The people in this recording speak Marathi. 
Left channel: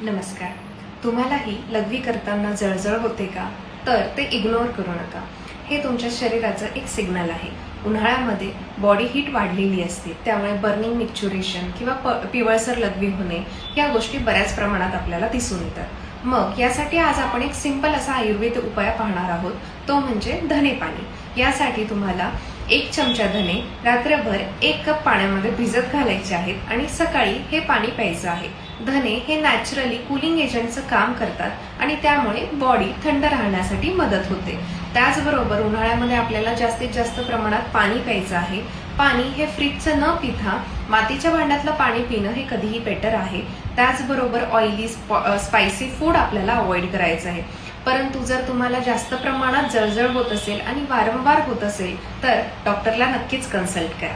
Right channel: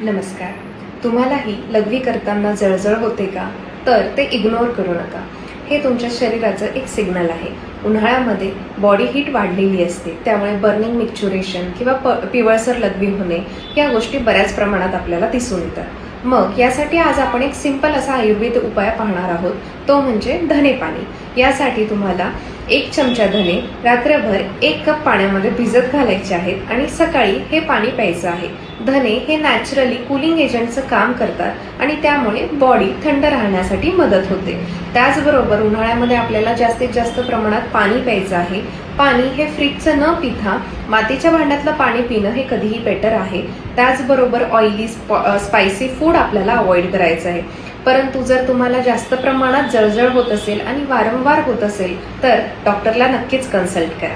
नमस्कार. तुम्हालाही लघवी करताना जळजळ होते का? तर ते इग्नोर करू नका. हे तुमच्या शरीराचं एक सिग्नल आहे. उन्हाळ्यामध्ये बॉडी हीट वाढलेली असते, त्यामुळे बर्निंग मिक्च्युरेशन किंवा पिवळसर लघवी होणे या गोष्टी बऱ्याच प्रमाणात आपल्याला दिसून येतात. मग यासाठी आज आपण एक सिंपल असा आयुर्वेद उपाय पाहणार आहोत, तो म्हणजे धने पाणी. यासाठी तुम्हाला 1 चमचा धने रात्रभर 1 कप पाण्यामध्ये भिजत घालायचे आहेत आणि सकाळी हे पाणी प्यायचं आहे. धने हे नॅचरली कूलिंग एजंटचं काम करतात आणि त्यामुळे बॉडी थंड राहण्यासाठी मदत होते. त्याचबरोबर उन्हाळ्यामध्ये आपल्याला जास्तीत जास्त प्रमाणात पाणी प्यायचं आहे. पाणी हे फ्रीजचं न पिता मातीच्या भांड्यातलं पाणी पिणं हे कधीही बेटर आहे. त्याचबरोबर ऑइली स्पायसी फूड आपल्याला अवॉइड करायचं आहे. परंतु जर तुम्हाला जास्त प्रमाणात जळजळ होत असेल आणि वारंवार होत असेल तर डॉक्टरला नक्कीच कन्सल्ट करा.